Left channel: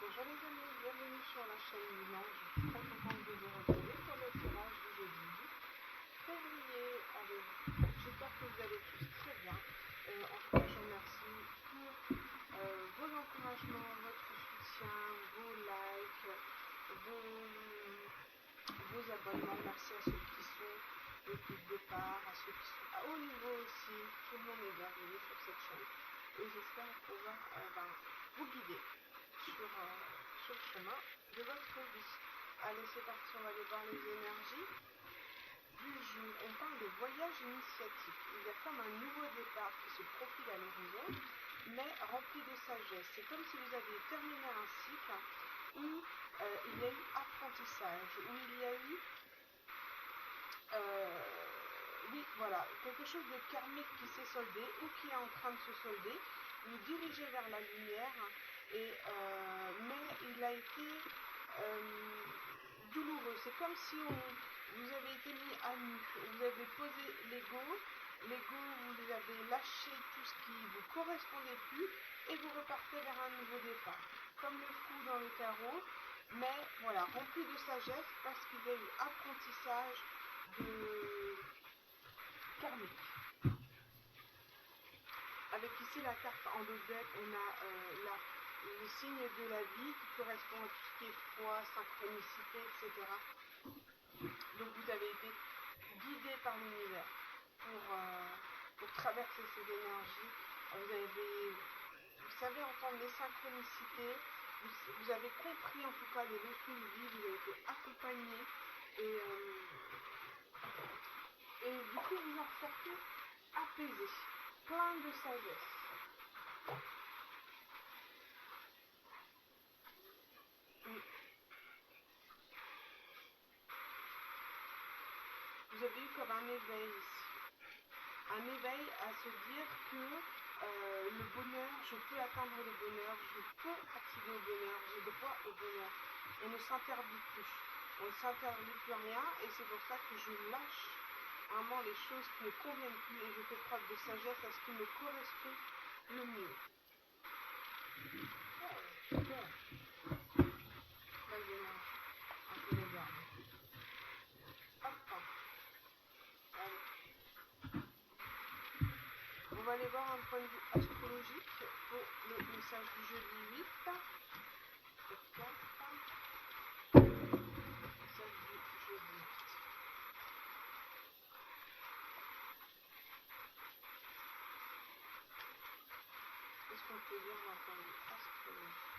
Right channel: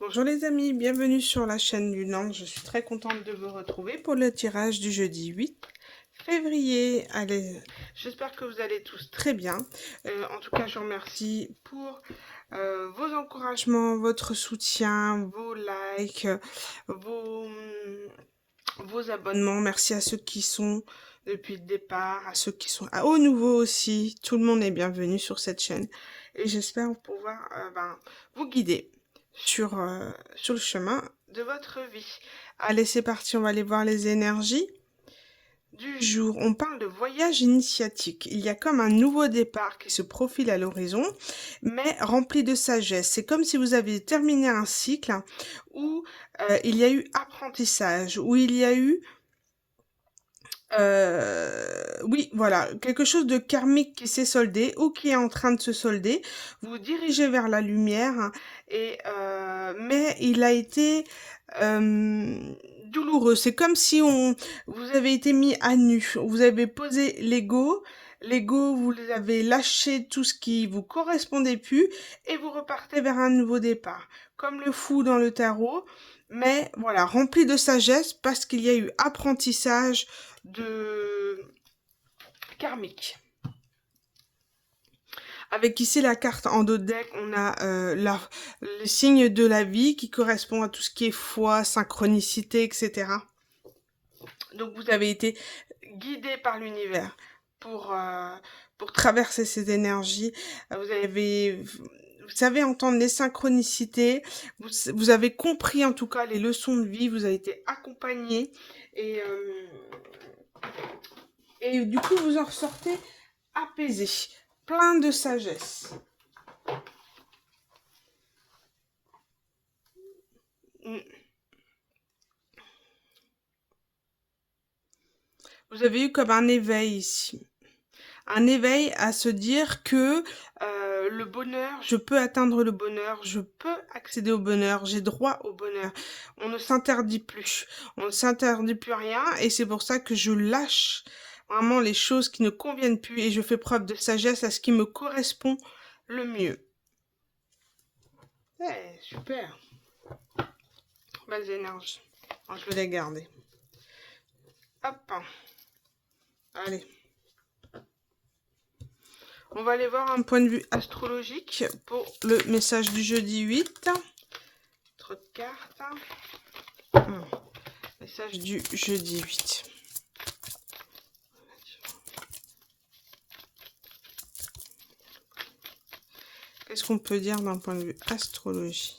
Bonjour les amis, bienvenue sur la chaîne du Nord. Je suis très contente de vous retrouver pour le tirage du jeudi 8 février. Allez, j'espère que vous allez tous très bien. En tout cas, je vous remercie pour vos encouragements, votre soutien, vos likes, vos, vos abonnements. Merci à ceux qui sont depuis le départ, à ceux qui sont aux nouveaux aussi. Tout le monde est bienvenu sur cette chaîne. Et j'espère pouvoir vous guider sur le chemin de votre vie. Allez, c'est parti, on va aller voir les énergies du jour. On parle de voyage initiatique. Il y a comme un nouveau départ qui se profile à l'horizon, mais rempli de sagesse. C'est comme si vous aviez terminé un cycle où il y a eu apprentissage, où il y a eu oui, voilà, quelque chose de karmique qui s'est soldé ou qui est en train de se solder. Vous vous dirigez vers la lumière, mais il a été euh, douloureux. C'est comme si vous avez été mis à nu. Vous avez posé l'ego. L'ego, vous avez lâché tout ce qui vous correspondait plus et vous repartez vers un nouveau départ. Comme le fou dans le tarot, mais voilà, rempli de sagesse parce qu'il y a eu apprentissage de karmique. Avec ici la carte en dos de deck, on a le signe de la vie qui correspond à tout ce qui est foi, synchronicité, etc. Donc vous avez été guidé par l'univers pour, euh, pour traverser ces énergies. Vous savez entendre les synchronicités, vous avez compris en tout cas les leçons de vie, vous avez été accompagné et, euh, et du coup vous en ressortez apaisé, plein de sagesse. Vous avez eu comme un éveil ici. Un éveil à se dire que le bonheur, je peux atteindre le bonheur, je peux accéder au bonheur, j'ai droit au bonheur. On ne s'interdit plus. On ne s'interdit plus rien et c'est pour ça que je lâche vraiment les choses qui ne conviennent plus et je fais preuve de sagesse à ce qui me correspond le mieux. Ouais, super. Belles énergies. Alors, je vais les garder. Hop. Allez. On va aller voir un point de vue astrologique pour le message du jeudi 8. Trop de cartes. Message du jeudi 8. Qu'est-ce qu'on peut dire d'un point de vue astrologie?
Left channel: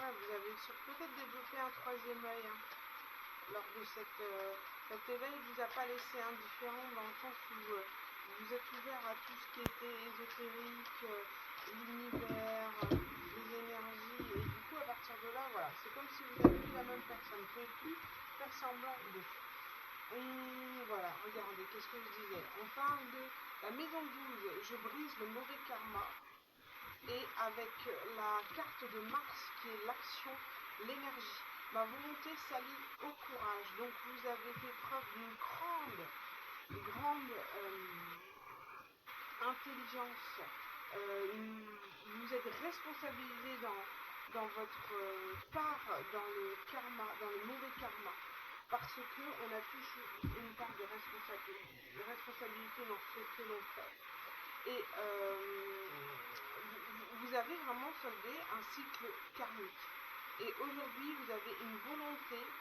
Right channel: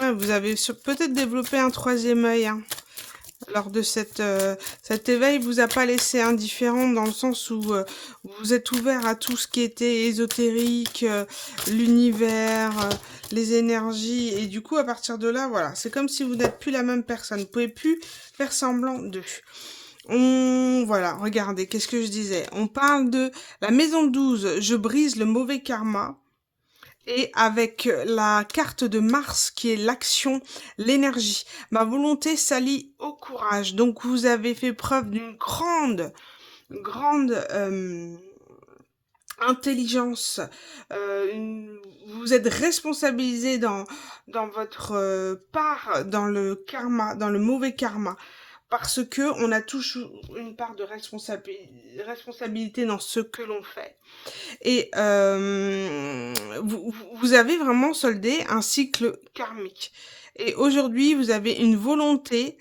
Ouais, vous avez peut-être développé un troisième œil. Hein. Lors de cet éveil, vous a pas laissé indifférent dans le sens où vous êtes ouvert à tout ce qui était ésotérique, l'univers, les énergies, et du coup, à partir de là, voilà, c'est comme si vous n'êtes plus la même personne, vous pouvez plus faire semblant d'eux. Voilà, regardez, qu'est-ce que je disais? On parle de la maison 12, je brise le mauvais karma. Et avec la carte de Mars qui est l'action, l'énergie. Ma volonté s'allie au courage. Donc vous avez fait preuve d'une grande intelligence. Vous êtes responsabilisé dans votre part dans le karma, dans le mauvais karma. Parce que on a tous une part de responsabilité dans ce que l'on fait. Et vous avez vraiment soldé un cycle karmique. Et aujourd'hui, vous avez une volonté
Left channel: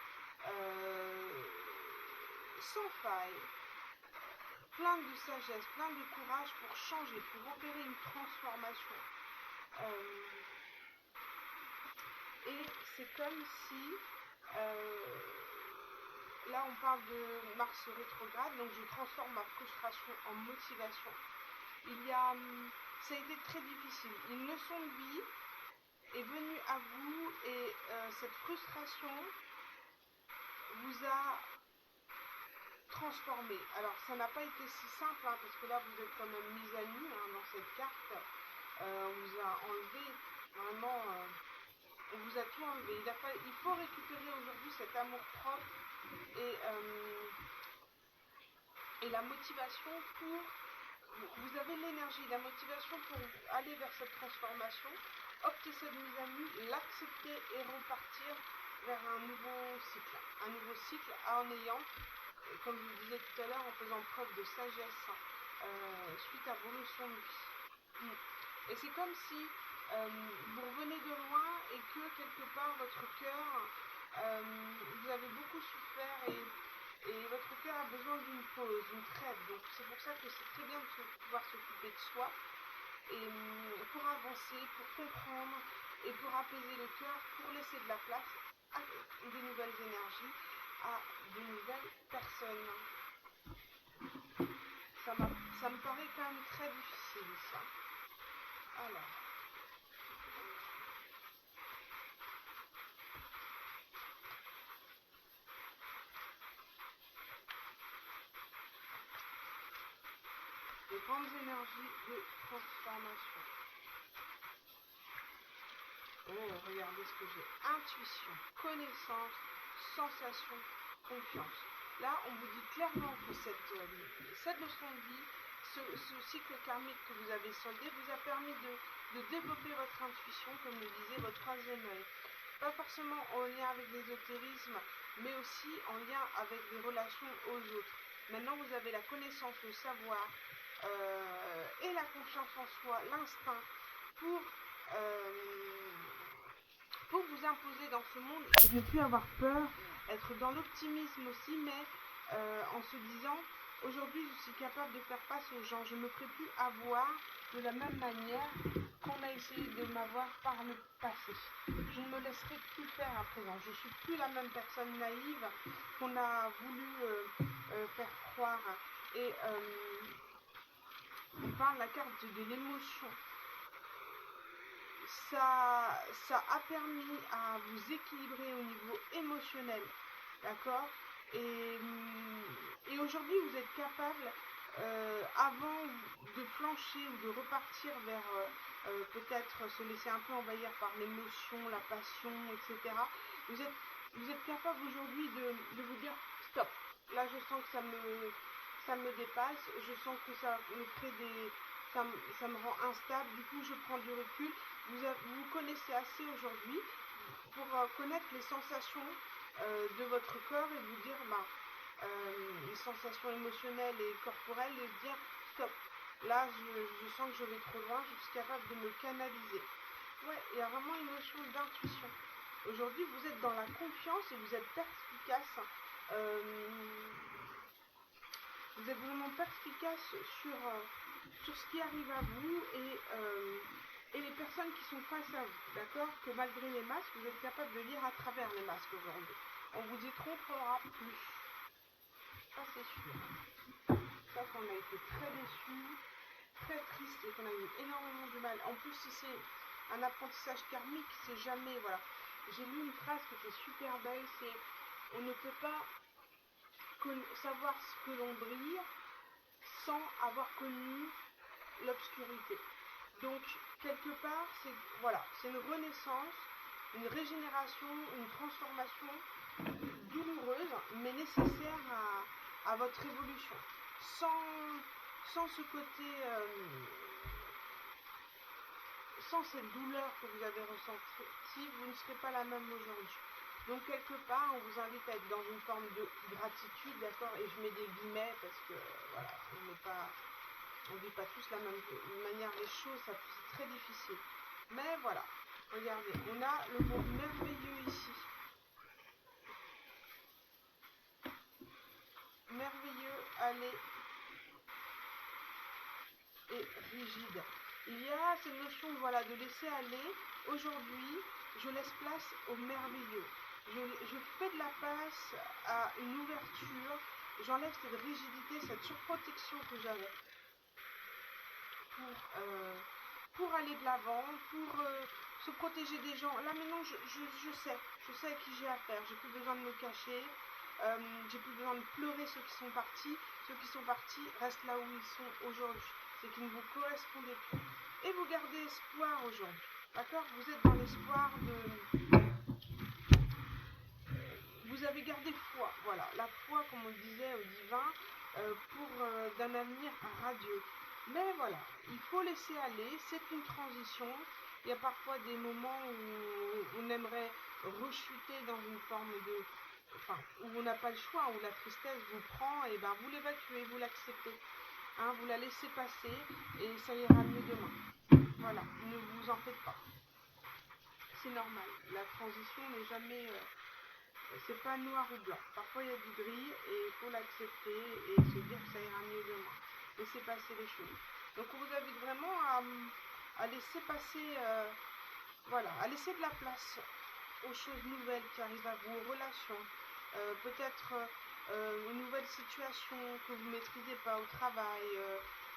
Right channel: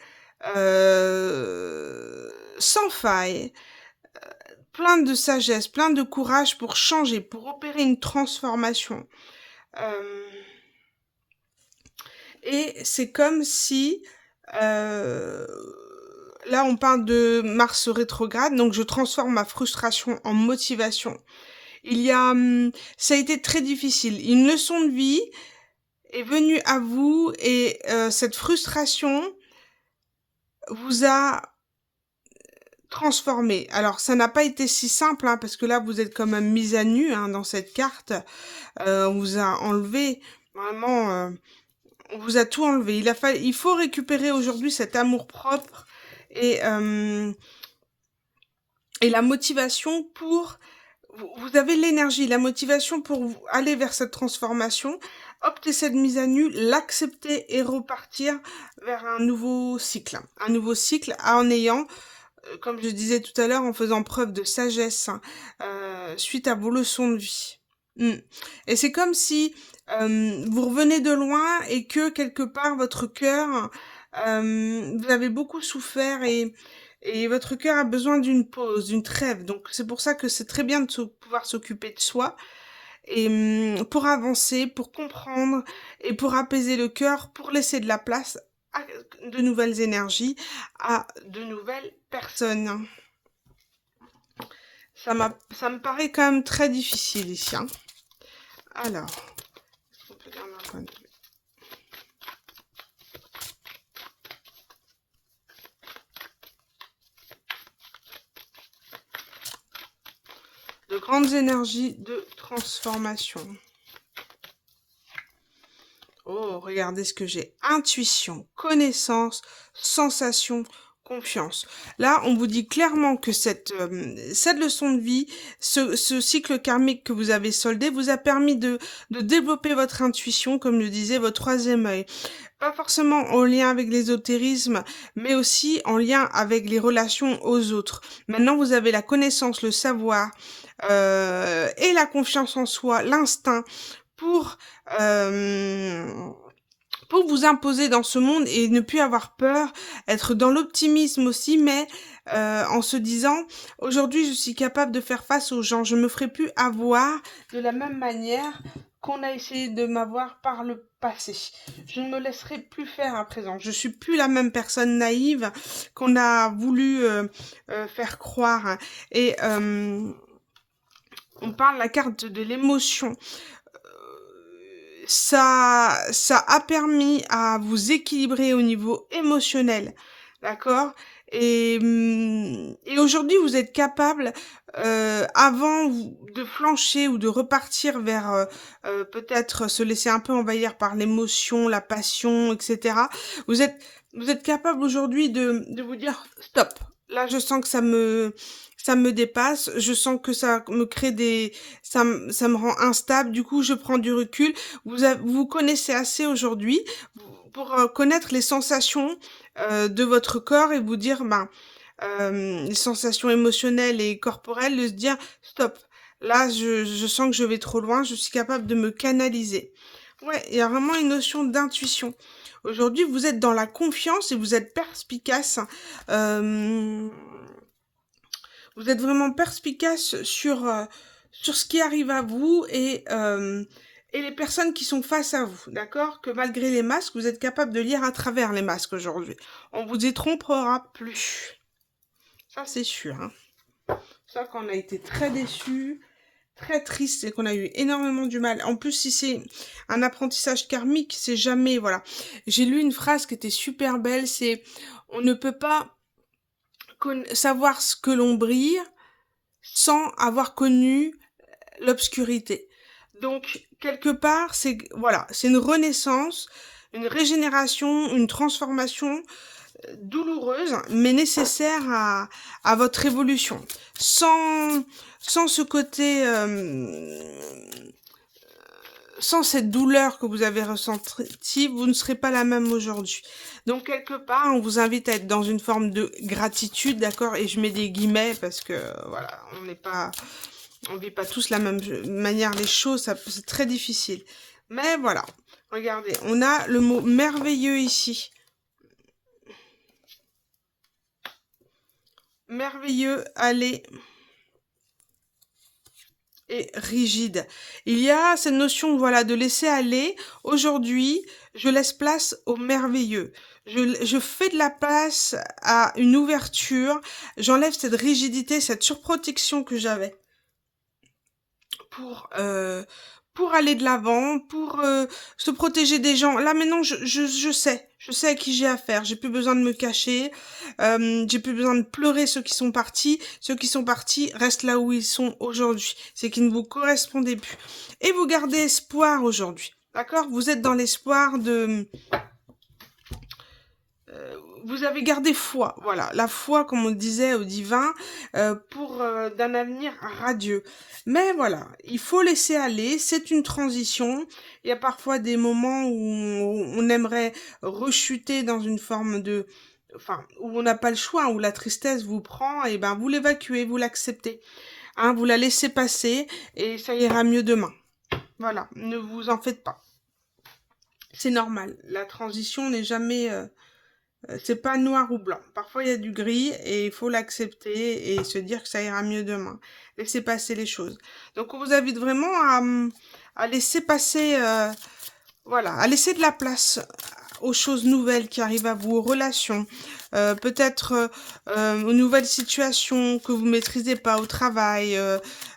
sans faille, plein de sagesse, plein de courage pour changer, pour opérer une transformation. Euh, et c'est comme si... là, on parle de Mars rétrograde, donc je transforme ma frustration en motivation. Ça a été très difficile. Une leçon de vie est venue à vous et cette frustration vous a transformé. Alors, ça n'a pas été si simple, hein, parce que là, vous êtes quand même mise à nu hein, dans cette carte. On vous a enlevé, vraiment, on vous a tout enlevé. Il faut récupérer aujourd'hui cet amour-propre et, et la motivation pour vous avez l'énergie, la motivation pour aller vers cette transformation. Optez cette mise à nu, l'accepter et repartir vers un nouveau cycle. Un nouveau cycle en ayant, comme je disais tout à l'heure, en faisant preuve de sagesse suite à vos leçons de vie. Et c'est comme si vous revenez de loin et que quelque part votre cœur, vous avez beaucoup souffert et votre cœur a besoin d'une pause, d'une trêve. Donc c'est pour ça que c'est très bien de pouvoir s'occuper de soi et pour avancer, pour comprendre et pour apaiser le cœur, pour laisser de la place à de nouvelles énergies, à de nouvelles personnes. Ça me paraît quand même très difficile ici. Hein. Alors, de grandes énergies de transformation. Oh, regardez ce que j'ai. Intuition, connaissance, sensation, confiance. Là, on vous dit clairement que cette leçon de vie, ce cycle karmique que vous avez soldé, vous a permis de développer votre intuition, comme le disait votre troisième œil. Pas forcément en lien avec l'ésotérisme, mais aussi en lien avec les relations aux autres. Maintenant, vous avez la connaissance, le savoir et la confiance en soi, l'instinct pour vous imposer dans ce monde et ne plus avoir peur, être dans l'optimisme aussi, mais en se disant, aujourd'hui je suis capable de faire face aux gens, je ne me ferai plus avoir de la même manière qu'on a essayé de m'avoir par le passé. Je ne me laisserai plus faire à présent. Je ne suis plus la même personne naïve qu'on a voulu faire croire. Et on parle de la carte de l'émotion. Ça a permis à vous équilibrer au niveau émotionnel, d'accord? Et aujourd'hui, vous êtes capable, avant de flancher ou de repartir vers peut-être se laisser un peu envahir par l'émotion, la passion, etc. Vous êtes capable aujourd'hui de vous dire stop. Là, je sens que ça me dépasse, je sens que ça me crée ça me rend instable, du coup je prends du recul. Vous connaissez assez aujourd'hui pour connaître les sensations de votre corps et vous dire, les sensations émotionnelles et corporelles, de se dire stop, là je sens que je vais trop loin, je suis capable de me canaliser. Ouais, il y a vraiment une notion d'intuition. Aujourd'hui, vous êtes dans la confiance et vous êtes perspicace. Vous êtes vraiment perspicace sur ce qui arrive à vous et les personnes qui sont face à vous, d'accord? Que malgré les masques, vous êtes capable de lire à travers les masques aujourd'hui. On vous y trompera plus. Ça, c'est sûr. Hein. Ça, qu'on a été très déçus, très triste et qu'on a eu énormément du mal. En plus, si c'est un apprentissage karmique, c'est jamais, voilà. J'ai lu une phrase qui était super belle, c'est « On ne peut pas savoir ce que l'on brille sans avoir connu l'obscurité. » Donc, quelque part, c'est une renaissance, une régénération, une transformation douloureuse, mais nécessaire à votre évolution. Sans ce côté... sans cette douleur que vous avez ressentie, vous ne serez pas la même aujourd'hui. Donc, quelque part, on vous invite à être dans une forme de gratitude, d'accord? Et je mets des guillemets parce que, voilà, on ne vit pas tous la même manière les choses, c'est très difficile. Mais voilà, regardez, on a le mot merveilleux ici. Merveilleux, allez... et rigide. Il y a cette notion, voilà, de laisser aller. Aujourd'hui, je laisse place au merveilleux. Je fais de la place à une ouverture. J'enlève cette rigidité, cette surprotection que j'avais pour aller de l'avant, pour se protéger des gens. Là maintenant, je sais à qui j'ai affaire. J'ai plus besoin de me cacher. J'ai plus besoin de pleurer ceux qui sont partis. Ceux qui sont partis restent là où ils sont aujourd'hui. C'est qu'ils ne vous correspondaient plus. Et vous gardez espoir aujourd'hui. D'accord? Vous êtes dans l'espoir de... vous avez gardé foi, voilà, la foi, comme on disait, au divin, pour d'un avenir radieux. Mais voilà, il faut laisser aller, c'est une transition. Il y a parfois des moments où on aimerait rechuter dans une forme de... Enfin, où on n'a pas le choix, où la tristesse vous prend, et ben vous l'évacuez, vous l'acceptez. Hein, vous la laissez passer, et ça ira mieux demain. Voilà, ne vous en faites pas. C'est normal, la transition n'est jamais... c'est pas noir ou blanc. Parfois, il y a du gris et il faut l'accepter et se dire que ça ira mieux demain. Laissez passer les choses. Donc, on vous invite vraiment à laisser passer, voilà, à laisser de la place aux choses nouvelles qui arrivent à vous, aux relations, peut-être aux nouvelles situations que vous ne maîtrisez pas au travail,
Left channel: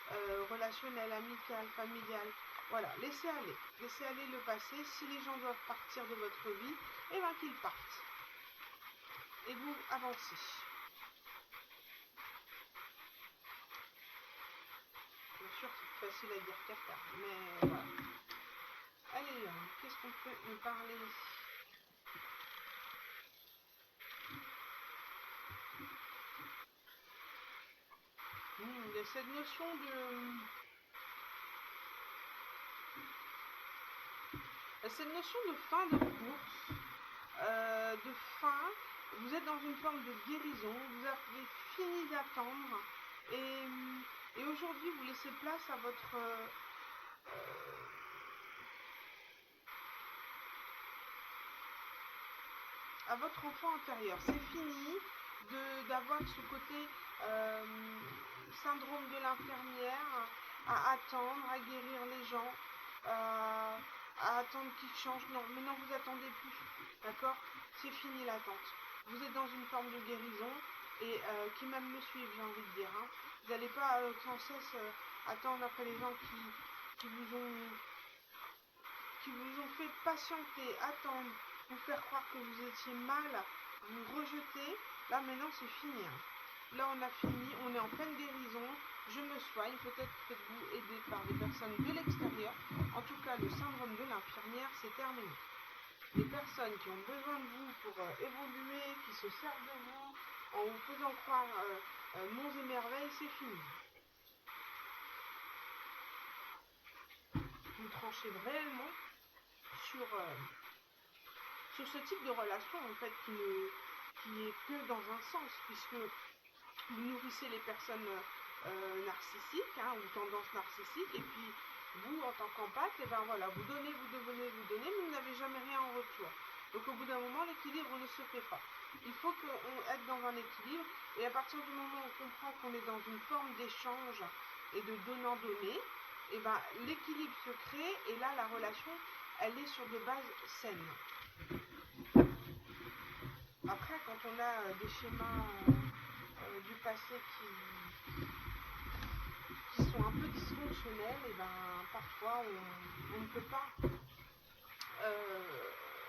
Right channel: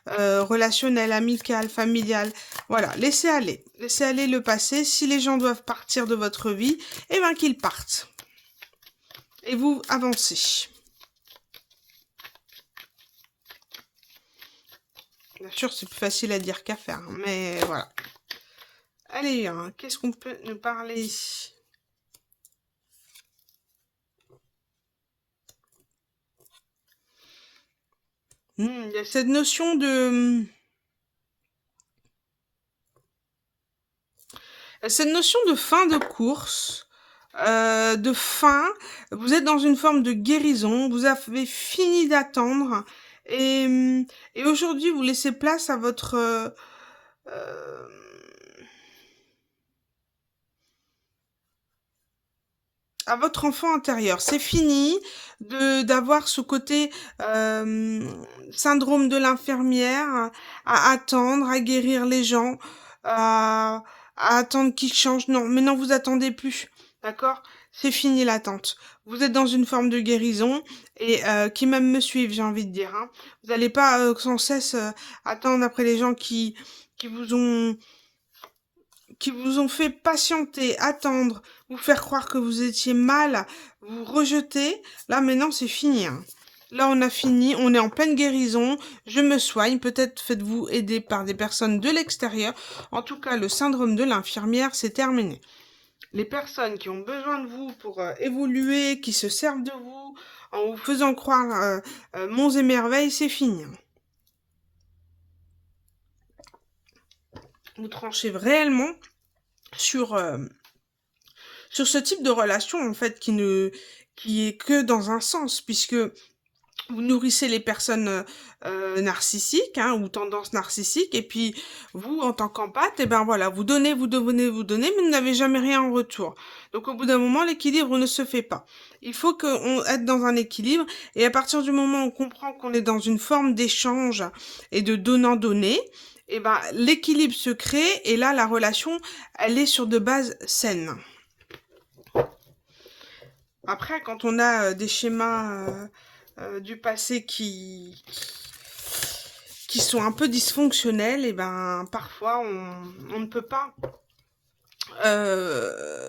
relationnel, amical, familial. Voilà, laissez aller le passé. Si les gens doivent partir de votre vie, eh bien qu'ils partent et vous avancez. Bien sûr, c'est plus facile à dire qu'à faire, mais voilà. Allez, hein, qu'est-ce qu'on peut nous parler? Il y a cette notion de... Cette notion de fin de course, de fin, vous êtes dans une forme de guérison, vous avez fini d'attendre et, et aujourd'hui vous laissez place euh, à votre enfant intérieur. C'est fini d'avoir ce côté euh, syndrome de l'infirmière, à attendre, à guérir les gens, à attendre qu'ils changent. Non, mais non, vous attendez plus. D'accord? C'est fini l'attente. Vous êtes dans une forme de guérison et qui même me suivent, j'ai envie de dire. Hein. Vous n'allez pas sans cesse attendre après les gens qui vous ont qui vous ont fait patienter, attendre, vous faire croire que vous étiez mal, vous rejeter. Là maintenant c'est fini. Hein. Là on a fini, on est en pleine guérison, je me soigne, peut-être faites-vous aider par des personnes de l'extérieur. En tout cas le syndrome de l'infirmière c'est terminé. Les personnes qui ont besoin de vous pour évoluer, qui se servent de vous, en vous faisant croire monts et merveilles, c'est fini. Vous tranchez réellement sur, sur ce type de relation en fait qui est que dans un sens puisque vous nourrissez les personnes narcissiques hein, ou tendances narcissiques et puis vous en tant qu'empathe et ben voilà vous donnez mais vous n'avez jamais rien en retour donc au bout d'un moment l'équilibre ne se fait pas. Il faut qu'on être dans un équilibre et à partir du moment où on comprend qu'on est dans une forme d'échange et de donnant-donner, et ben l'équilibre se crée et là la relation elle est sur de bases saines. Après, quand on a des schémas du passé qui sont un peu dysfonctionnels, et ben parfois on ne peut pas euh,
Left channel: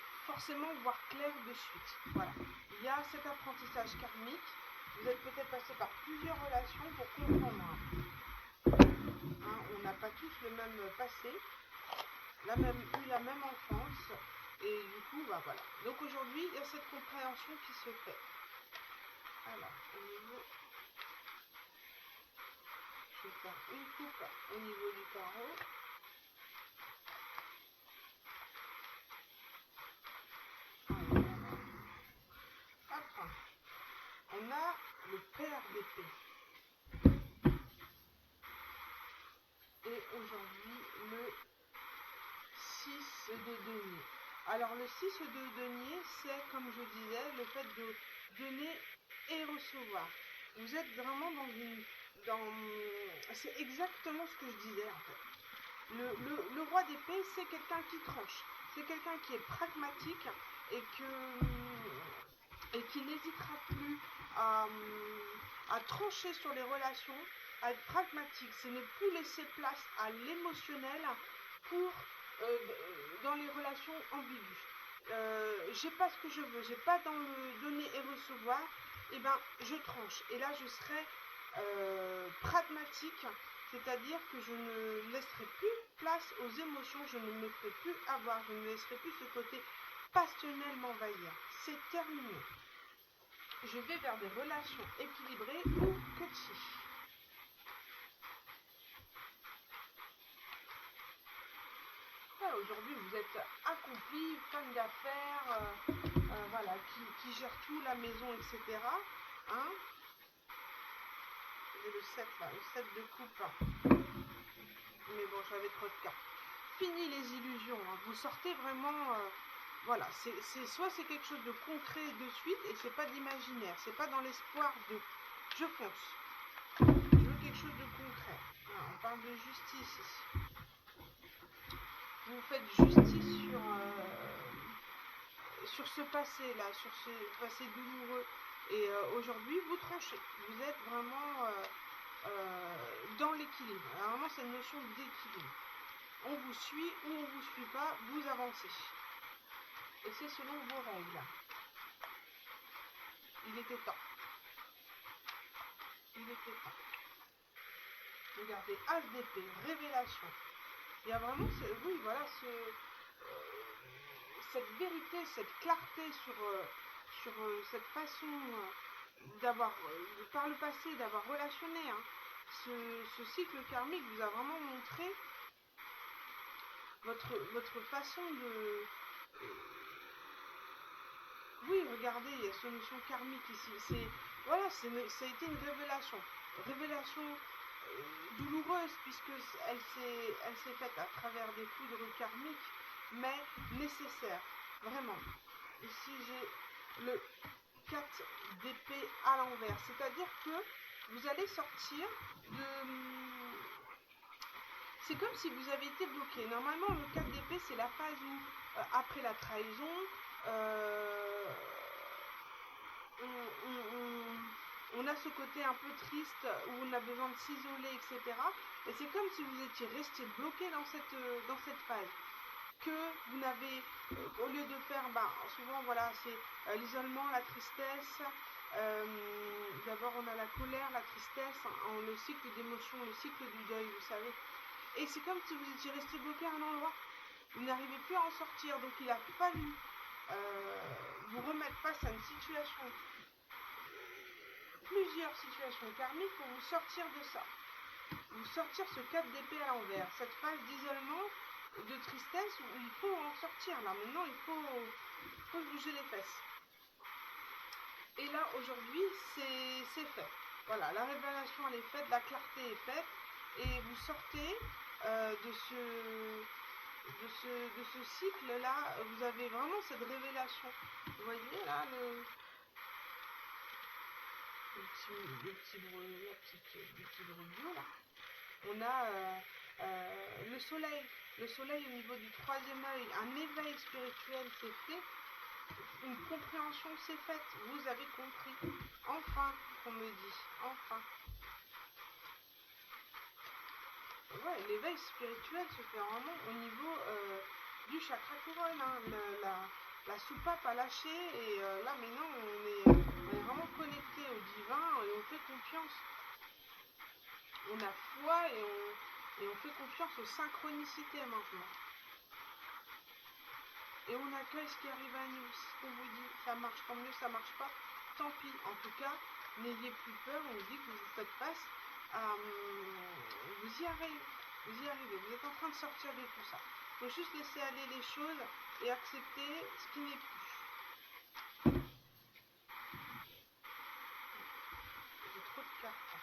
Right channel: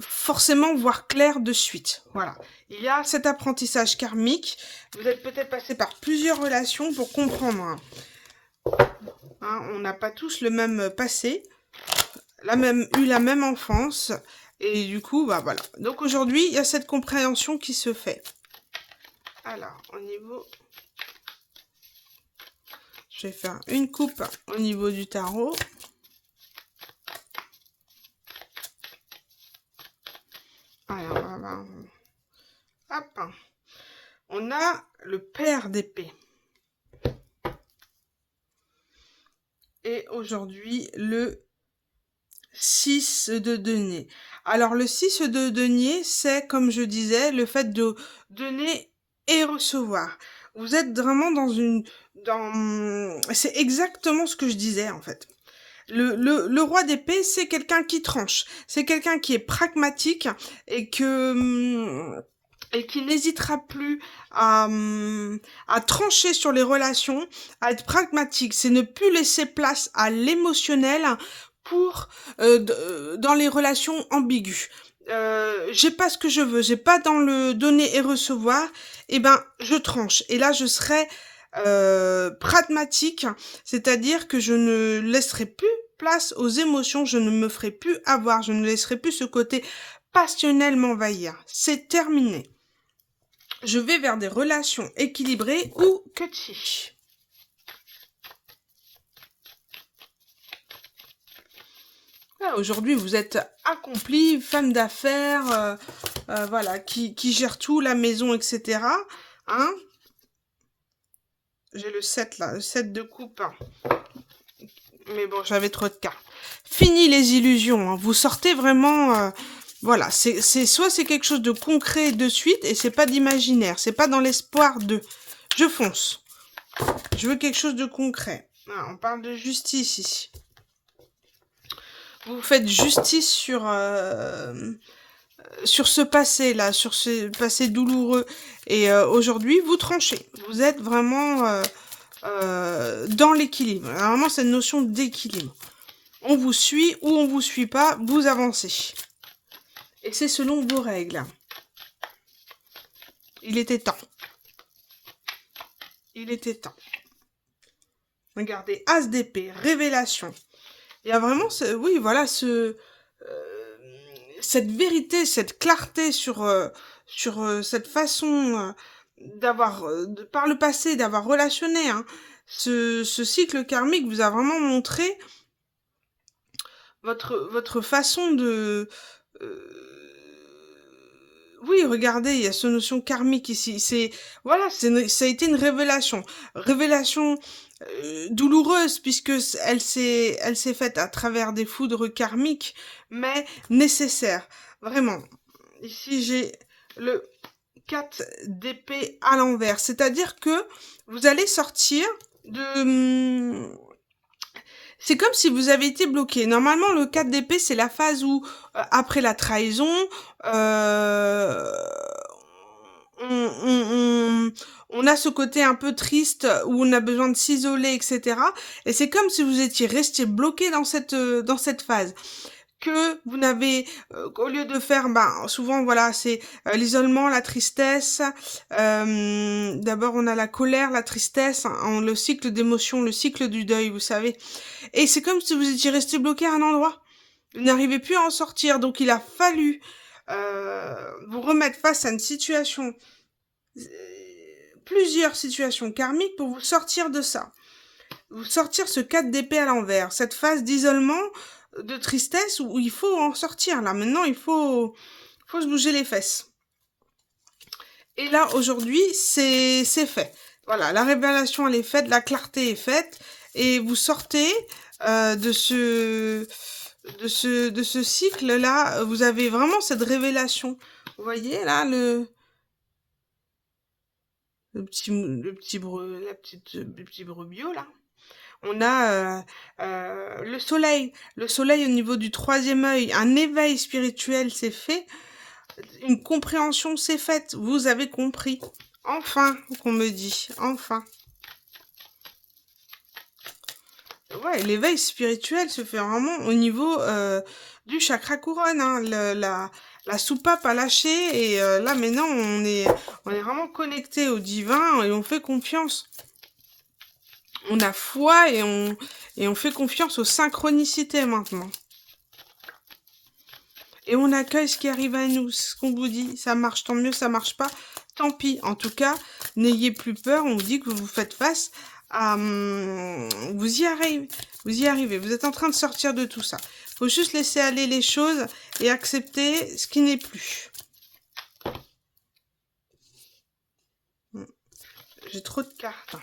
forcément voir clair de suite. Voilà. Il y a cet apprentissage karmique. Vous êtes peut-être passé par plusieurs relations pour comprendre. Hein, on n'a pas tous le même passé, eu la même enfance. Et du coup, bah voilà. Donc aujourd'hui, il y a cette compréhension qui se fait. Alors, au niveau... Je vais faire une coupe au niveau du tarot. Alors, hop. On a le père d'épée. Et aujourd'hui, le 6 de denier. Alors, le 6 de denier, c'est, comme je disais, le fait de donner et recevoir. Vous êtes vraiment dans une... C'est exactement ce que je disais, en fait. Le roi d'épée, c'est quelqu'un qui tranche. C'est quelqu'un qui est pragmatique et et qui n'hésitera plus à trancher sur les relations, à être pragmatique. C'est ne plus laisser place à l'émotionnel pour dans les relations ambiguës. J'ai pas ce que je veux, j'ai pas dans le donner et recevoir, et ben je tranche. Et là je serai pragmatique, c'est-à-dire que je ne laisserai plus place aux émotions, je ne me ferai plus avoir, je ne laisserai plus ce côté passionnel m'envahir. C'est terminé. Je vais vers des relations équilibrées ou cutchy. Voilà, aujourd'hui, vous êtes accomplie, femme d'affaires, voilà, qui gère tout, la maison, etc. Hein? J'ai le 7 là, le 7 de coupe. Hein. Mais bon, j'avais trop de cartes. Fini les illusions. Hein. Vous sortez vraiment... voilà, soit c'est quelque chose de concret de suite et c'est pas d'imaginaire. C'est pas dans l'espoir de... Je fonce. Je veux quelque chose de concret. Ah, on parle de justice ici. Vous faites justice sur ce passé-là, sur ce passé douloureux. Et aujourd'hui, vous tranchez. Vous êtes vraiment dans l'équilibre. Vraiment, cette notion d'équilibre. On vous suit ou on vous suit pas, vous avancez. Et c'est selon vos règles. Il était temps. Il était temps. Regardez, As d'épée, révélation. Il y a vraiment, oui, voilà, cette vérité, cette clarté sur cette façon d'avoir, par le passé, d'avoir relationné. Hein. Ce cycle karmique vous a vraiment montré votre façon de... oui, regardez, il y a cette notion karmique ici. Voilà, ça a été une révélation. Révélation douloureuse, puisque elle s'est faite à travers des foudres karmiques, mais nécessaire. Vraiment. Ici, j'ai le 4 d'épée à l'envers. C'est-à-dire que vous allez sortir de... C'est comme si vous avez été bloqué. Normalement, le 4 d'épée, c'est la phase où, après la trahison, on a ce côté un peu triste où on a besoin de s'isoler, etc. Et c'est comme si vous étiez resté bloqué dans cette phase. Que vous n'avez, au lieu de faire, souvent, voilà, c'est l'isolement, la tristesse. D'abord, on a la colère, la tristesse, hein, le cycle d'émotions, le cycle du deuil, vous savez. Et c'est comme si vous étiez resté bloqué à un endroit. Vous n'arrivez plus à en sortir. Donc, il a fallu vous remettre face à une situation, plusieurs situations karmiques pour vous sortir de ça. Vous sortir ce 4 d'épée à l'envers. Cette phase d'isolement, de tristesse où il faut en sortir. Là, maintenant, il faut se bouger les fesses. Et là, aujourd'hui, c'est fait. Voilà, la révélation, elle est faite, la clarté est faite. Et vous sortez de ce cycle-là. Vous avez vraiment cette révélation. Vous voyez, là, le petit brebis, là. On a le soleil. Le soleil au niveau du 3e œil. Un éveil spirituel s'est fait. Une compréhension s'est faite. Vous avez compris. Enfin, qu'on me dit. Enfin. Ouais, l'éveil spirituel se fait vraiment au niveau du chakra couronne. Hein. La soupape a lâché. Et là, maintenant, on est vraiment connecté au divin et on fait confiance. On a foi et on fait confiance aux synchronicités maintenant. Et on accueille ce qui arrive à nous, ce qu'on vous dit. Ça marche, tant mieux, ça marche pas, tant pis. En tout cas, n'ayez plus peur, on vous dit que vous faites face à... Vous y arrivez, vous êtes en train de sortir de tout ça. Il faut juste laisser aller les choses et accepter ce qui n'est plus. J'ai trop de cartes.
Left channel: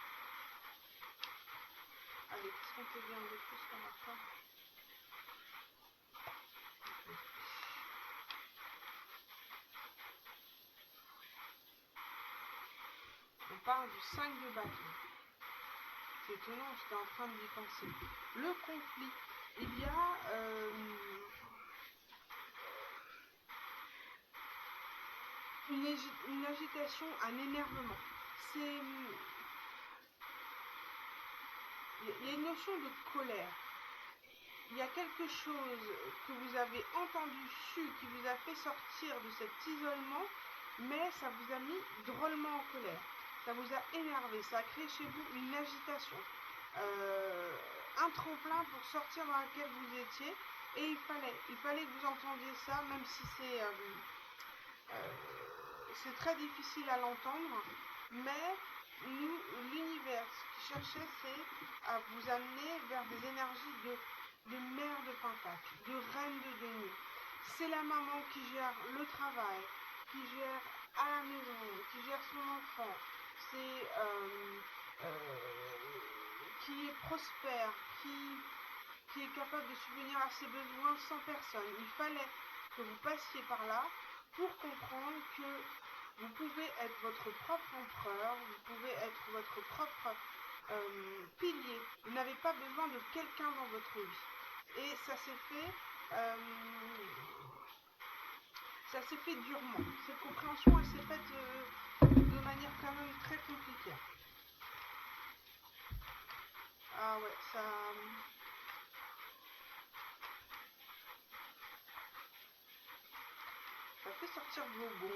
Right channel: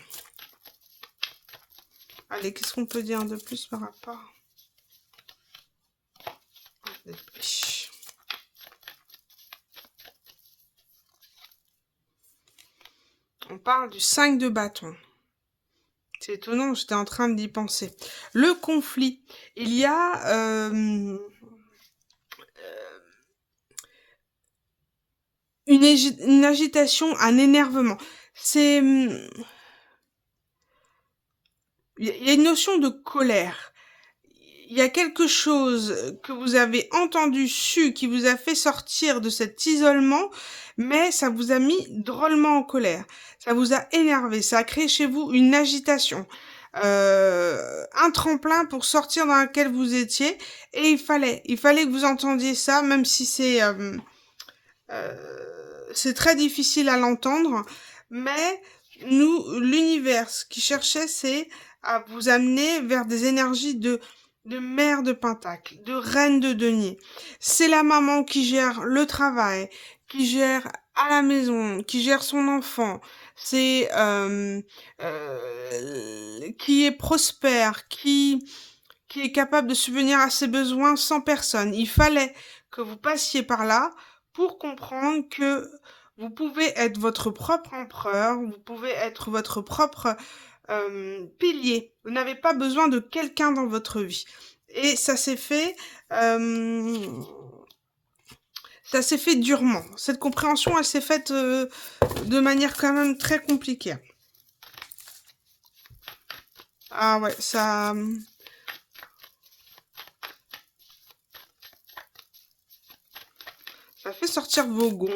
Allez, qu'est-ce qu'on peut dire de plus par rapport? On parle du 5 de bâton. C'est étonnant, j'étais en train d'y penser. Le conflit. Il y a une agitation, un énervement. C'est... Il y a une notion de colère. Il y a quelque chose que vous avez entendu, su, qui vous a fait sortir de cet isolement, mais ça vous a mis drôlement en colère. Ça vous a énervé, ça a créé chez vous une agitation. un tremplin pour sortir dans lequel vous étiez. Et il fallait que vous entendiez ça, même si c'est très difficile à l'entendre. Mais nous, l'univers, ce qu'il cherchait, c'est à vous amener vers des énergies de mère de Pentacle, de reine de denier. C'est la maman qui gère le travail, qui gère à la maison, qui gère son enfant. C'est qui est prospère, qui est capable de subvenir à ses besoins sans personne. Il fallait que vous passiez par là pour comprendre que vous pouvez être votre propre empereur, vous pouvez être votre propre pilier. Vous n'avez pas besoin de quelqu'un dans votre vie. Et ça s'est fait durement. Cette compréhension, elle s'est faite de manière quand même très compliquée. Ah ouais, ça fait sortir vos gonds.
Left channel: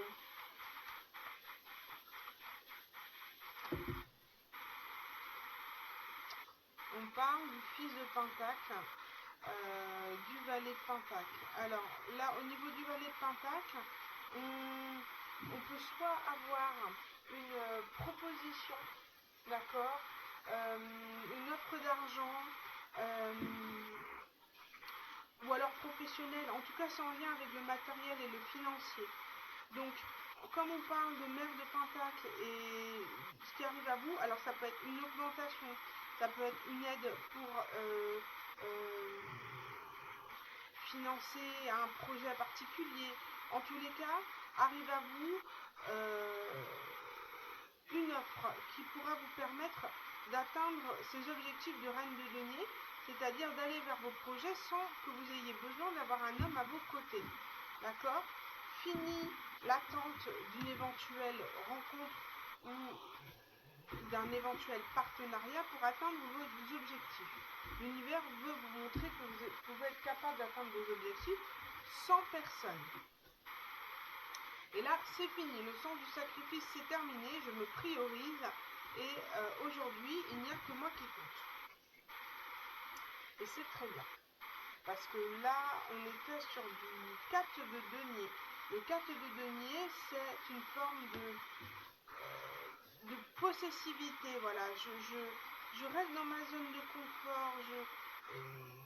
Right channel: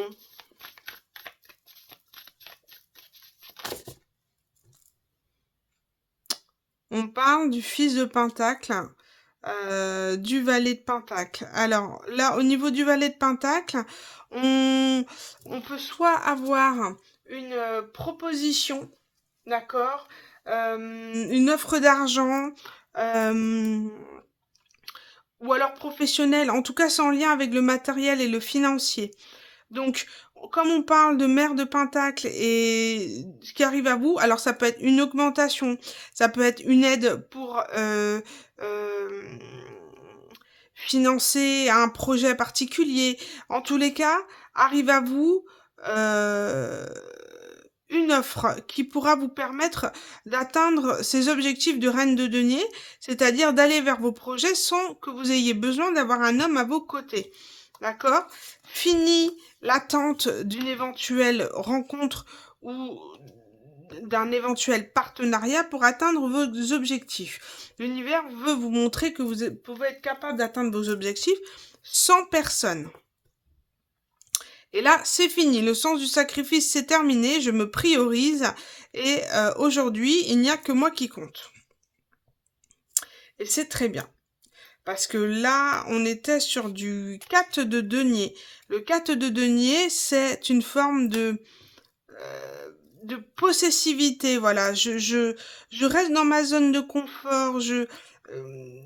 On parle du fils de Pentacle, du valet de Pentacle. Alors là, au niveau du valet de Pentacle, on peut soit avoir une proposition, d'accord, une offre d'argent, ou alors professionnelle, en tout cas sans lien avec le matériel et le financier. Donc, comme on parle de mère de Pentacle et ce qui arrive à vous, alors ça peut être une augmentation, ça peut être une aide pour financer un projet particulier. En tous les cas, arrive à vous euh, une offre qui pourra vous permettre d'atteindre ces objectifs de reine de denier, c'est-à-dire d'aller vers vos projets sans que vous ayez besoin d'avoir un homme à vos côtés. D'accord ? Fini l'attente d'une éventuelle rencontre ou d'un éventuel partenariat pour atteindre vos objectifs. L'univers veut vous montrer que vous pouvez être capable d'atteindre vos objectifs sans personne. Et là, c'est fini. Le sens du sacrifice, c'est terminé. Je me priorise. Et aujourd'hui, il n'y a que moi qui compte. Et c'est très bien. Parce que là, on était sur du 4 de denier. Le 4 de denier, c'est une forme de possessivité. Voilà, je reste dans ma zone de confort.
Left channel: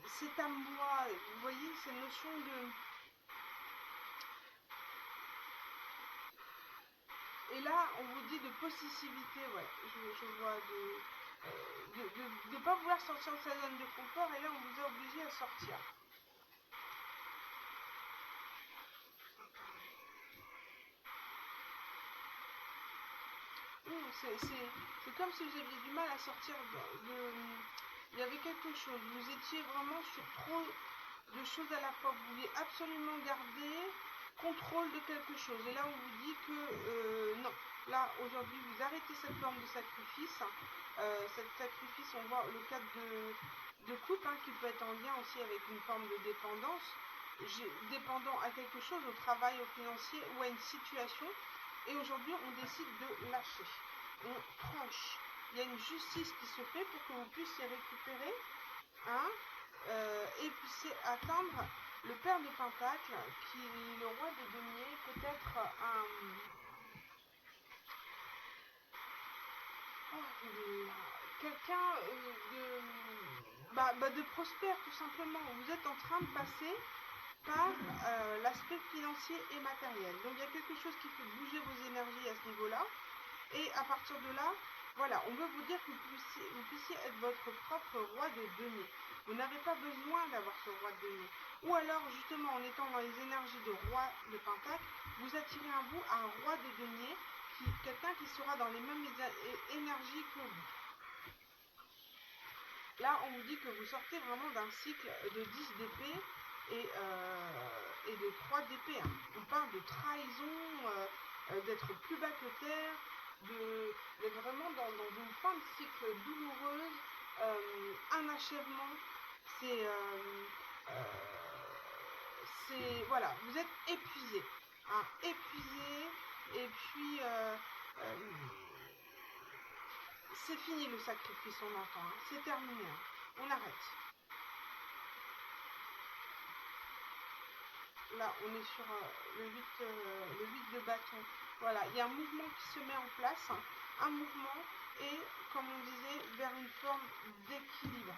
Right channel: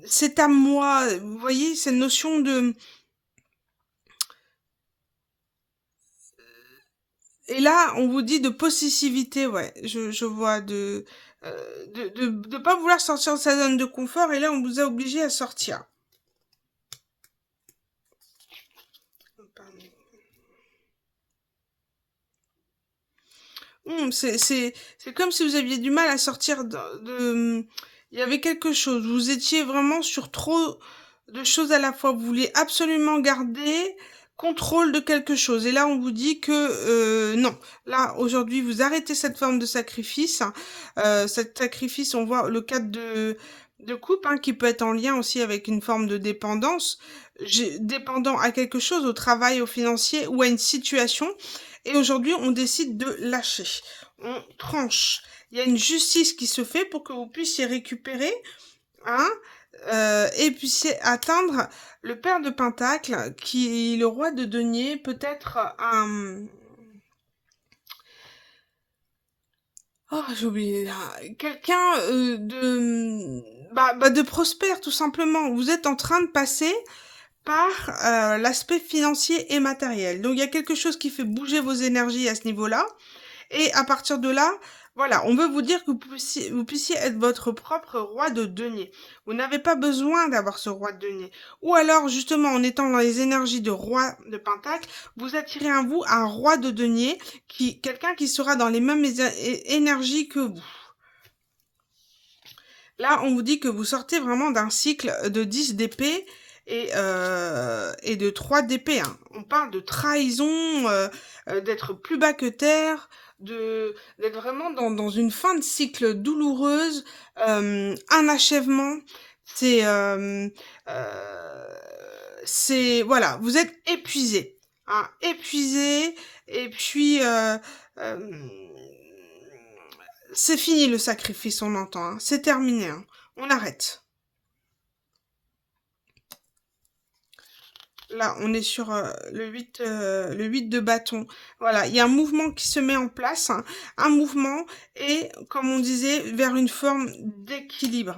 C'est à moi. Vous voyez, cette notion de... Et là, on vous dit de possessivité, ouais. Je vois de pas vouloir sortir de sa zone de confort. Et là, on vous a obligé à sortir. C'est comme si vous aviez du mal à sortir Il y avait quelque chose. Vous étiez vraiment sur trop de choses à la fois. Vous vouliez absolument garder contrôle de quelque chose. Et là, on vous dit que non. Là, aujourd'hui, vous arrêtez cette forme de sacrifice. Cet sacrifice, on voit le cadre de couple qui peut être en lien aussi avec une forme de dépendance. Dépendant à quelque chose, au travail, au financier ou à une situation. Et aujourd'hui, on décide de lâcher. On tranche. Il y a une justice qui se fait pour que vous puissiez récupérer et puissiez atteindre le père de Pentacle, qui est le roi de denier, peut-être un... Oh, j'ai oublié. Quelqu'un de prospère, tout simplement. Vous êtes en train de passer par l'aspect financier et matériel. Donc il y a quelque chose qui fait bouger vos énergies à ce niveau-là. Et à partir de là, voilà, on veut vous dire que vous puissiez être votre propre roi de denier. Vous n'avez pas besoin d'avoir ce roi de denier. Ou alors, justement, en étant dans les énergies de roi de Pentacle, vous attirez à vous un roi de denier, quelqu'un qui sera dans les mêmes énergies que vous. Là, on vous dit que vous sortez vraiment d'un cycle de 10 d'épée et de 3 d'épée. On parle de trahison, d'être plus bas que terre, d'être vraiment dans une fin de cycle douloureuse, un achèvement. C'est voilà, vous êtes épuisé, épuisé, et puis C'est fini le sacrifice, on entend. Hein. C'est terminé. Hein. On arrête. Là, on est sur le 8 de bâton. Voilà, il y a un mouvement qui se met en place. Hein. Un mouvement et, comme on disait, vers une forme d'équilibre.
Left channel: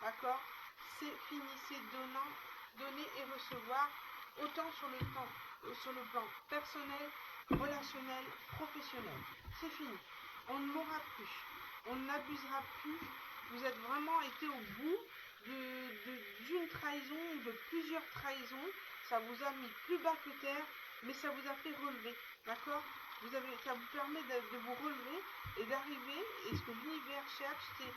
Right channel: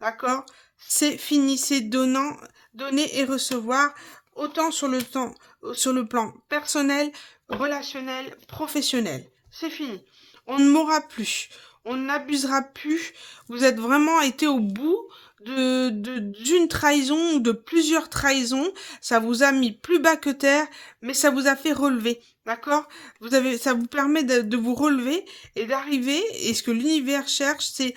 D'accord? C'est fini, c'est donnant, donner et recevoir, autant sur le plan personnel, relationnel, professionnel. C'est fini. On ne mourra plus. On n'abusera plus. Vous êtes vraiment été au bout d'une trahison ou de plusieurs trahisons. Ça vous a mis plus bas que terre, mais ça vous a fait relever. D'accord? Ça vous permet de vous relever et d'arriver. Et ce que l'univers cherche, c'est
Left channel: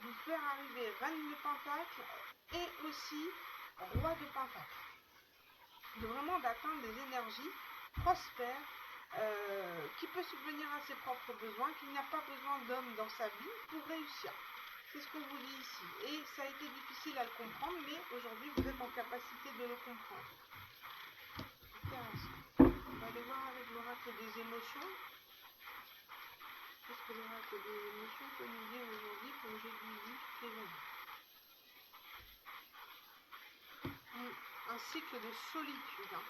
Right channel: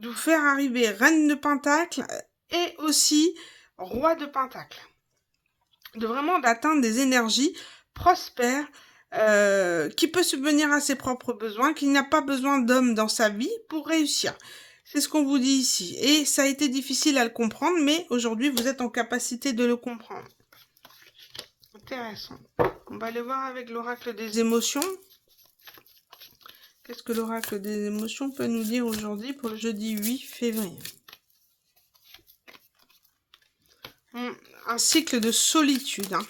de vous faire arriver reine de Pentacle et aussi roi de Pentacle. De vraiment d'atteindre des énergies prospères, qui peut subvenir à ses propres besoins, qu'il n'a pas besoin d'homme dans sa vie pour réussir. C'est ce qu'on vous dit ici. Et ça a été difficile à le comprendre, mais aujourd'hui, vous êtes en capacité de le comprendre. Intéressant. On va aller voir avec l'oracle des émotions. Qu'est-ce que l'oracle des émotions peut nous dire aujourd'hui pour le jeudi 8 février? Un cycle de solitude. Hein.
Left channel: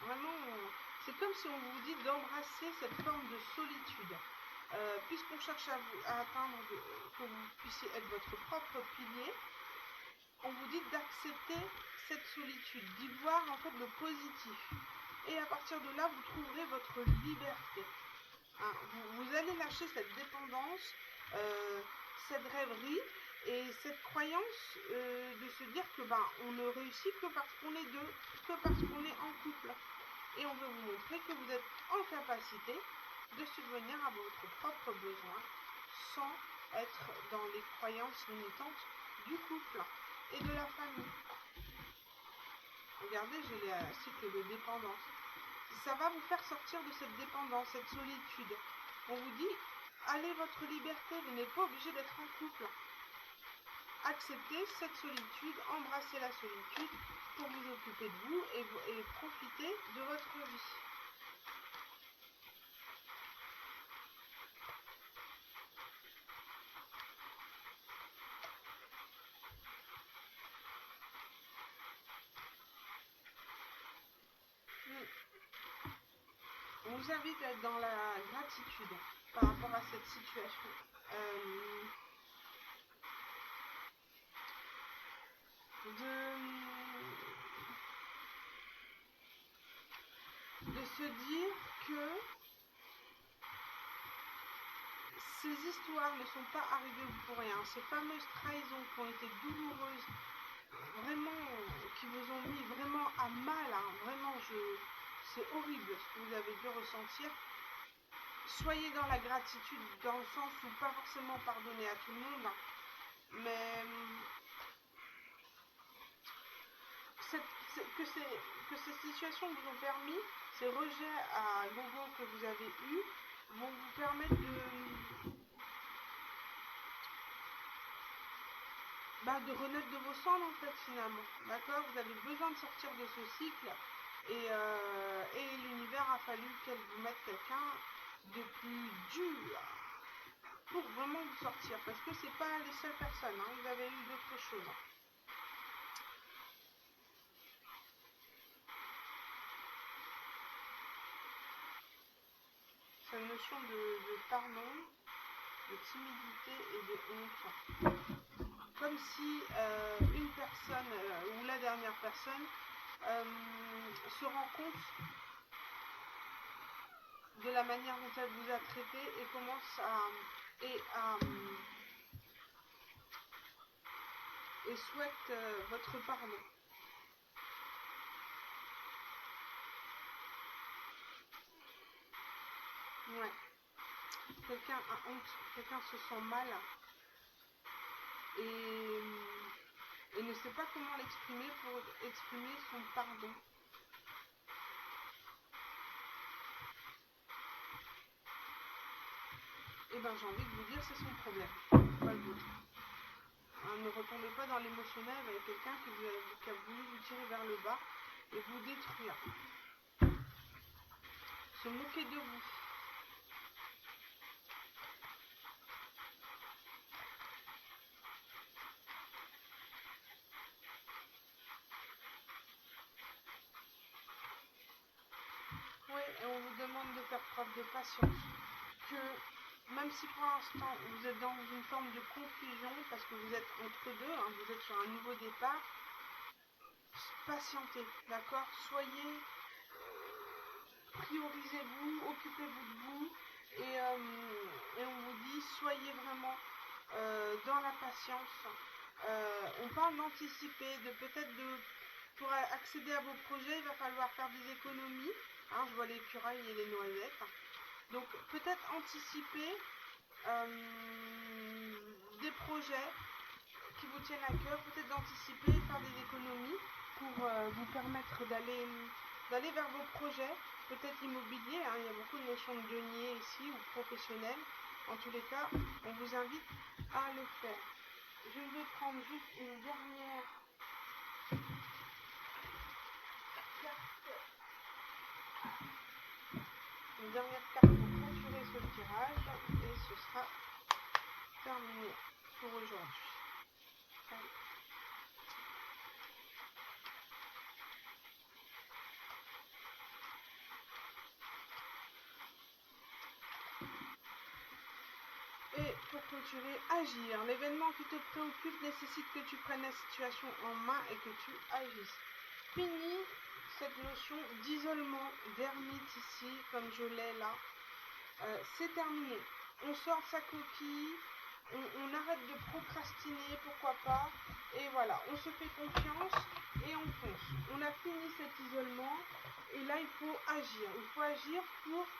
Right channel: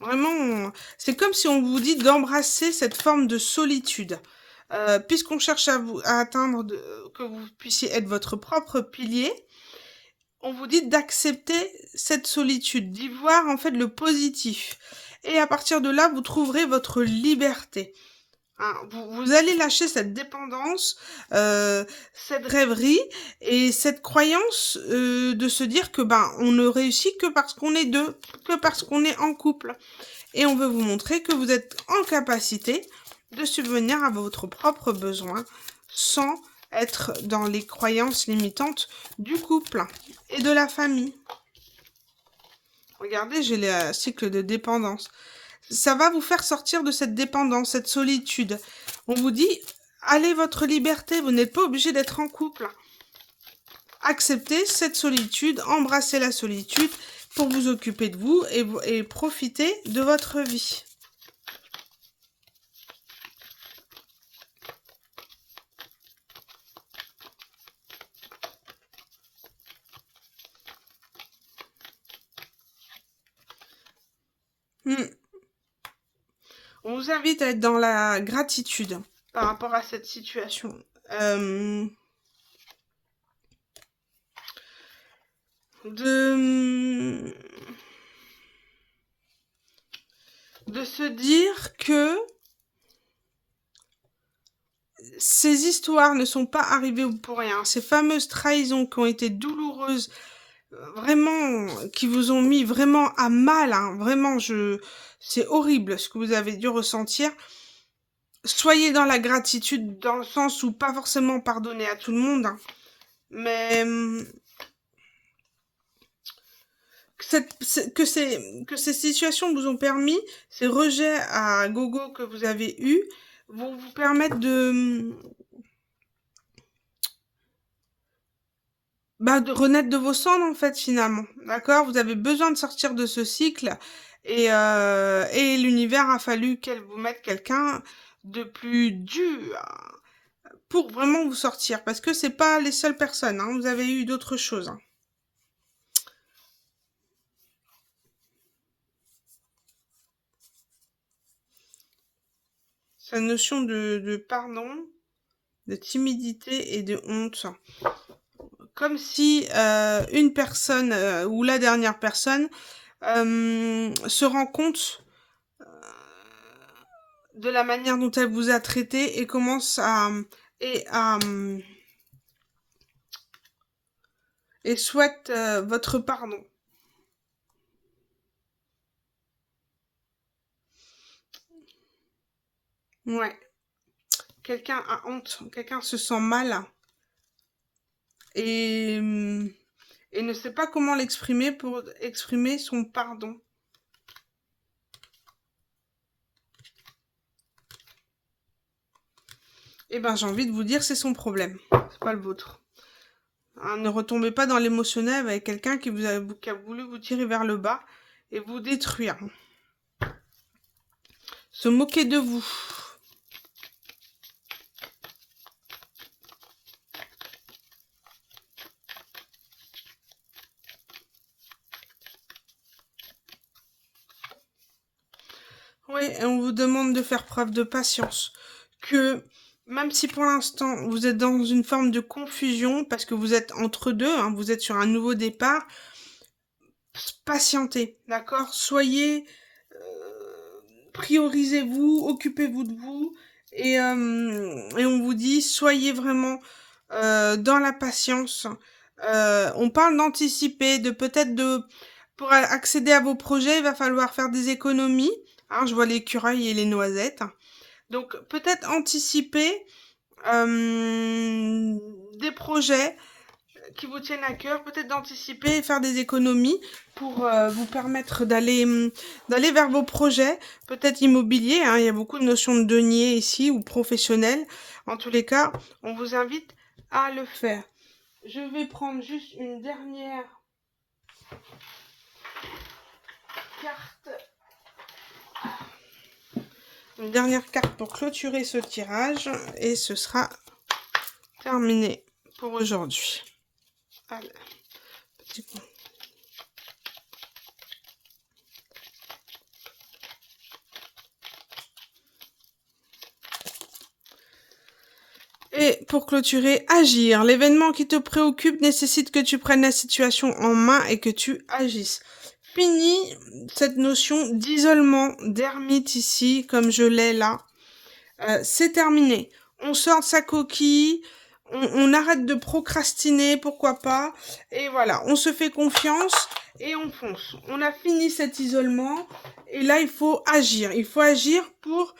Vraiment, c'est comme si on vous dit d'embrasser cette forme de solitude. Puisqu'on cherche à atteindre, que vous puissiez être votre propre pilier, on vous dit d'accepter cette solitude, d'y voir en fait le positif. Et à partir de là, vous trouverez votre liberté. Hein, vous allez lâcher cette dépendance, cette rêverie et cette croyance de se dire que on ne réussit que parce qu'on est deux, que parce qu'on est en couple. Et on veut vous montrer que vous êtes en capacité de subvenir à votre propre besoin sans être dans les croyances limitantes du couple et de la famille. Regardez, j'ai le cycle de dépendance. Ça va vous faire sortir de cette dépendance, cette solitude. On vous dit, allez votre liberté, vous n'êtes pas obligé d'être en couple. Acceptez cette solitude, embrassez la solitude pour vous occuper de vous et profiter de votre vie. On vous invite à être dans la gratitude par rapport à cette situation. De se dire que ces histoires ne sont pas arrivées pour rien. Ces fameuses trahisons qui ont été douloureuses, vraiment, qui vous ont mis vraiment à mal, hein, vraiment, c'est horrible ce que vous avez dû ressentir. Soyez dans la gratitude, dans le sens où pas forcément pardonner à tout le monde, hein, mais que ces situations vous ont permis, ces rejets à gogo que vous avez eus, vont vous permettre de renaître de vos cendres, en fait, finalement. D'accord? Vous avez besoin de sortir de ce cycle. Et l'univers a fallu qu'elle vous mette quelqu'un de plus dur pour vraiment vous sortir. Parce que c'est pas les seules personnes. Hein, vous avez eu d'autres choses. Hein. Cette notion de pardon, de timidité et de honte. Comme si une personne ou la dernière personne se rend compte de la manière dont elle vous a traité et commence et souhaite votre pardon. Ouais. Quelqu'un a honte, quelqu'un se sent mal et ne sait pas comment l'exprimer pour exprimer son pardon. Eh ben, j'ai envie de vous dire, c'est son problème, c'est pas le vôtre. Hein, ne retombez pas dans l'émotionnel avec quelqu'un qui a voulu vous tirer vers le bas et vous détruire. Se moquer de vous. Oui, et on vous demande de faire preuve de patience. Que même si pour l'instant vous êtes dans une forme de confusion, parce que vous êtes entre deux, hein, vous êtes sur un nouveau départ, patientez, d'accord? Soyez, priorisez-vous, occupez-vous de vous, et on vous dit, soyez vraiment dans la patience. On parle d'anticiper, de peut-être de... Pour accéder à vos projets, il va falloir faire des économies. Hein, je vois l'écureuil et les noisettes. Donc peut-être anticiper des projets qui vous tiennent à cœur, peut-être d'anticiper et faire des économies pour vous permettre d'aller vers vos projets, peut-être immobiliers, hein, il y a beaucoup de notions de denier ici, ou professionnels. En tous les cas, on vous invite à le faire. Je vais prendre juste carte, une dernière carte pour clôturer ce tirage, et ce sera terminé pour aujourd'hui. Allez, petit peu. Et pour clôturer, agir. L'événement qui te préoccupe nécessite que tu prennes la situation en main et que tu agisses. Fini cette notion d'isolement, d'ermite ici, comme je l'ai là. C'est terminé. On sort de sa coquille, on arrête de procrastiner, pourquoi pas. Et voilà, on se fait confiance et on fonce. On a fini cet isolement et là, il faut agir. Il faut agir pour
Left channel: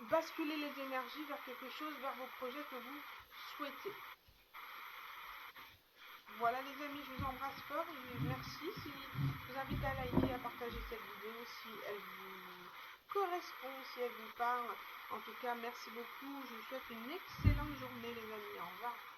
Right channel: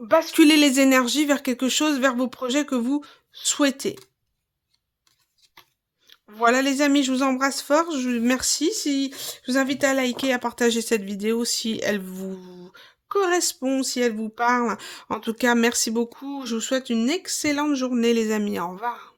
basculer les énergies vers quelque chose, vers vos projets que vous souhaitez. Voilà les amis, je vous embrasse fort, merci. Je vous invite à liker, à partager cette vidéo si elle vous correspond, si elle vous parle. En tout cas, merci beaucoup. Je vous souhaite une excellente journée les amis. Au revoir.